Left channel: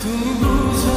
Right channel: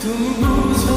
Tudo luz